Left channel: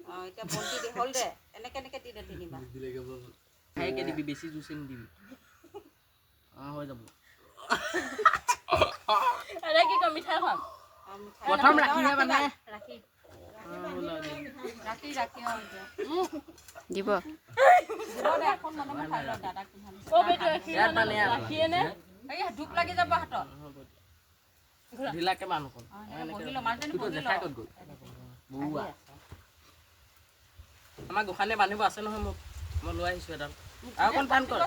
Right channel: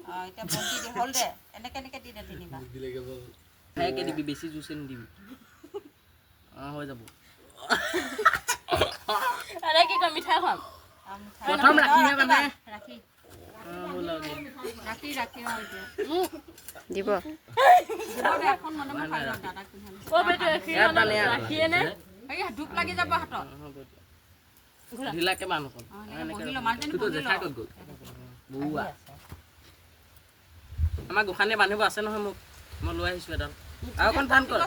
এতিয়া বন্তি দে হ'ল দে এনেকে এনেকে দি দে তিনিবাৰ খাইকে দিবি বেছি জুচি নিদিবি হৈ যাব আৰে কি কম মিঠাই খাম প্ৰথম ৰাখিহে মানে ৰাখি ৰাখি দিব এখন মানে মই খাই লওঁ দাদাক পিন্ধাম অ বেটি ৰাখিয়ে নে এই ধূপ লাগি যাব হাতত ঢিলাকে মানুহ কোন বহি ল মাজনী তুই জেঠাই ক'ত গ'ল বুৱা আমাৰ গোখানে বান্ধিব আছে নহয় মোক মই লৈ আহিছোঁ এডাল আৰু কোন ধান কৰ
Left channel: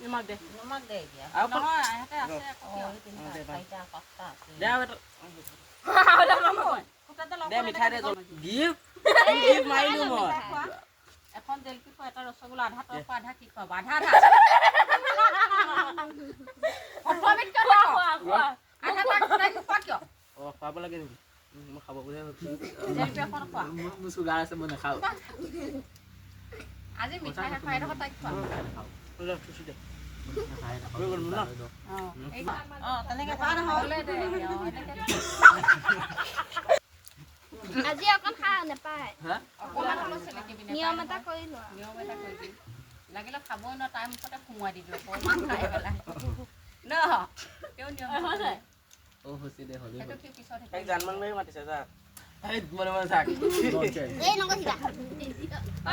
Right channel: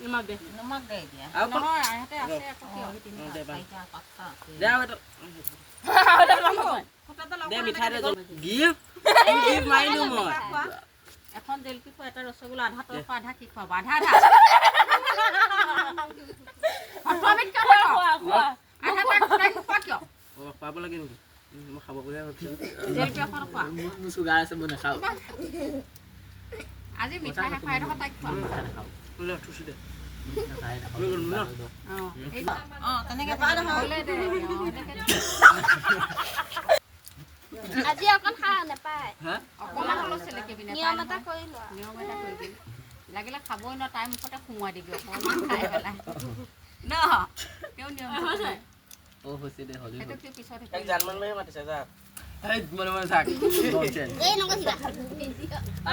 নিমখ দে নমাক দে এতিয়া আৰু কোন নহয় আহতে আছে আকৌ কিয় চাৰিটা পাঁচটা আছে দে আৰু ফুটাডাল দে মিঠাই দে গিফ্ট মাৰিলোঁ মই এখন জেলপি খোৱা এটা ৰসগোল্লা আধা তই খোৱা আধা কি খোৱা আধা আধা খুৱাব লাগে নেকি মই খাব বুলিহে ভাবিছোঁ জেলপি এখন খোৱা মোৰ চুগাৰ আছে মই নাখাওঁ আজি মিঠাই নাখাই দেখোন তাইক খোৱা মিঠাই নাখাওঁ থৈছোঁ দে তেনেকে হ'লে দে আজি অকণ খাওঁ নাপায় অকণমান হ'লেও চেলেকিবি নিয়ম এটা কৰি লোৱা নিয়ম এটা কৰিবি লাগিলে খাবই ন তাই মুখতে সোমোৱাই দিবি অকণমান খাই পেলাই ন তেওঁ নিয়ম হৈছে দে হ'লে সেইটো কি পিছত জানমান মাৰি মাতিছে যা এই মনে মনে থাক এই নকৰিবা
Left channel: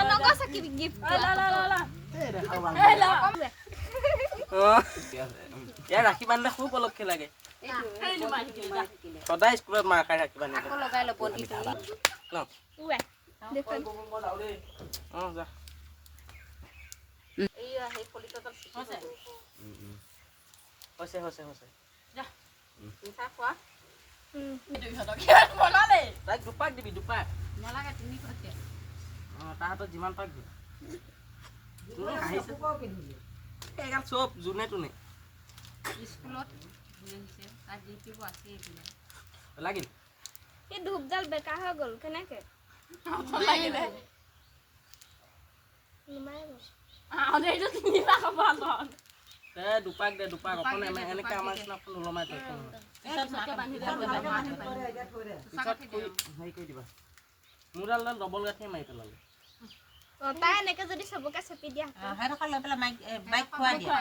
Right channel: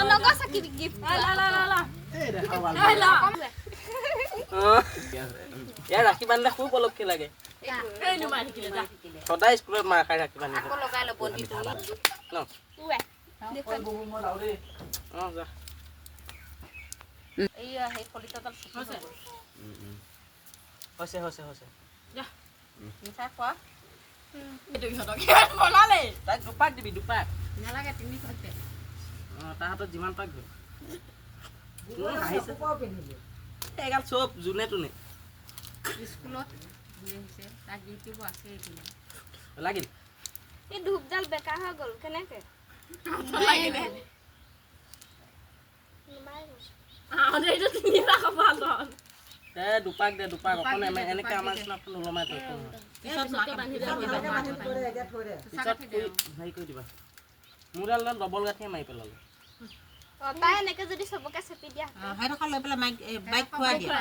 নকৰিছা কি গিফ্ট এই দেখাও ভাল এই ৰাখি বান্ধিলে খুব উপলক্ষে লাগে সদায় স্কুলত মাৰ খাই ৰাখি বান্ধি আকৌ লগাই ল'ব দি তুমি ন যা এইয়া সেই ফলিতাডাল হৈছে হৈছে মিঠাই খোৱা তাইক দুপাক দিবি দুপাক নালাগে তিনি খৰকে তাৰ হাতত যিমান পাক গ'ল এগাল চব যোনে তোনে স্কুলত আহিছে তাত ডিউটিবোৰ আছে এইবিলাক লাগিল এই ধূপডাল বেকাৰ হৈ গ'ল কেনেকে দুপাক দে দুপাক অকণ এনেকে আমাৰ নিচিনা ওলমাই থৈ পিছত হেৰি কৰি দিবা মোৰডাল ডবল গাঁঠিয়ে মাৰি পেলালো তাই এনেকে যদি চবকে চেপি দিয়া সেইডোখৰ লৈ পেলাই বাইক খুৱাই দিয়া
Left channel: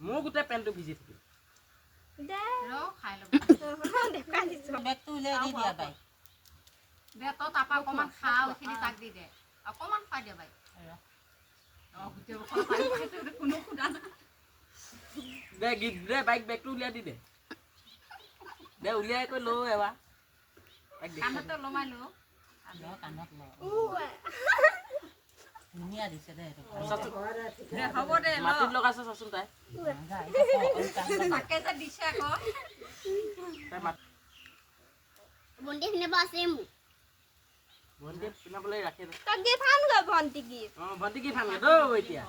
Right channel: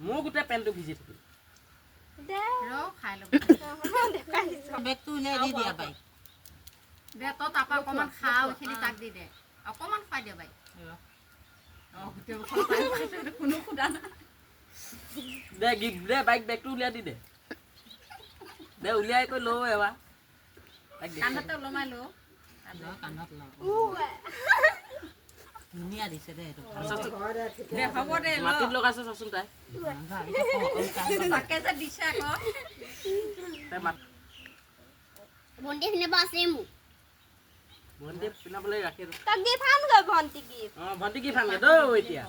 মোৰ গোটেই পেণ্টটো ভিজি থাকিল দে খাই ল'ব দেখাই দিছো বেগটো উলিয়াই দি দিয়া বাইক দে তই তাৰপৰা অকণমান খা এইখিনি তাক দি দে অকণমান খুৱাই দিয়া বাইক কোনো সোধা নাই দে গিফ্ট দে বাইক বেগটো উলিয়াই দি দে উলিয়াই কৰি লওঁ এবাৰ কাণতে ওলমাই ল কাণত ল ধুনীয়া দিছে দে এইটো দে হ'ব দে মাটিত লগাইছে চাচোন তাই তাকে যে দিছে আকৌ তাই মাত ভণ্টি পিন্ধাব আছে মোক ভণ্টি পিন্ধাবলৈ ৰাখি তাক গিফ্ট আনগৈ ভণ্টি গিফ্ট ভণ্টি কি ভাঙে দৌ এতিয়া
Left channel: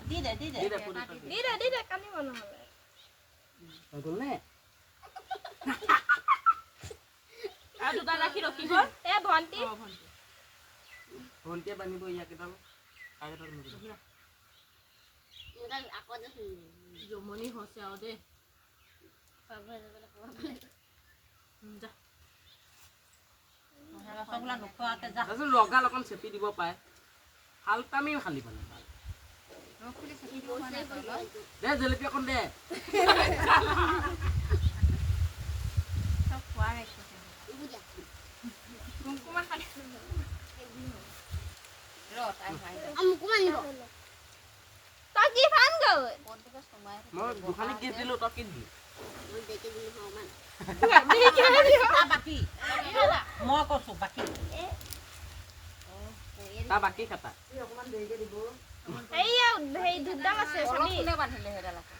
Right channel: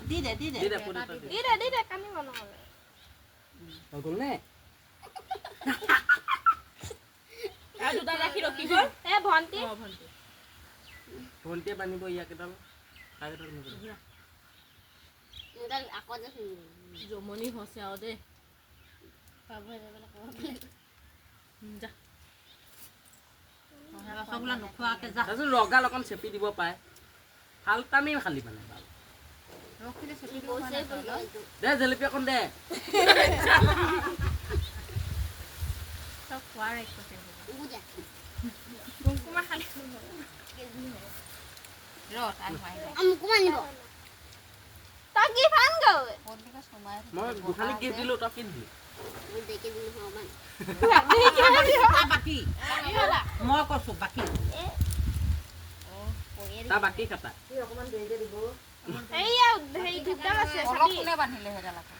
দি দে কান্দিব নহ'লে হৈ গ'ল নে আৰু দুটা ৰাখি ৰখি গ'ল এই ভণ্টি ভণ্টিয়ে বান্ধিব ইয়াকেইডাল আকৌ যে জমনি হৈছে আৰু দেই যা ৰসগোল্লা নোখোৱাকৈ যা তাৰপিছত ৰগাল অকণ চেপি দিব পাৰে ফাল্টামি খালি মানে ৰসখিনি চেপি দিব দে জেলেপি অকণ দে চব খোৱাৰ একো কুকুমা খালি ৰ তাই গিফ্ট আনগৈ মই গোখানিক গিফ্ট দিলোঁ তই কি দিলি বাকী মই কৈছোঁ বাকী তাৰ বাকী খাতা এইয়া হেৰি ধূপডাল আছে অলপ কোনে বান্ধিলে সেইডাল আকৌ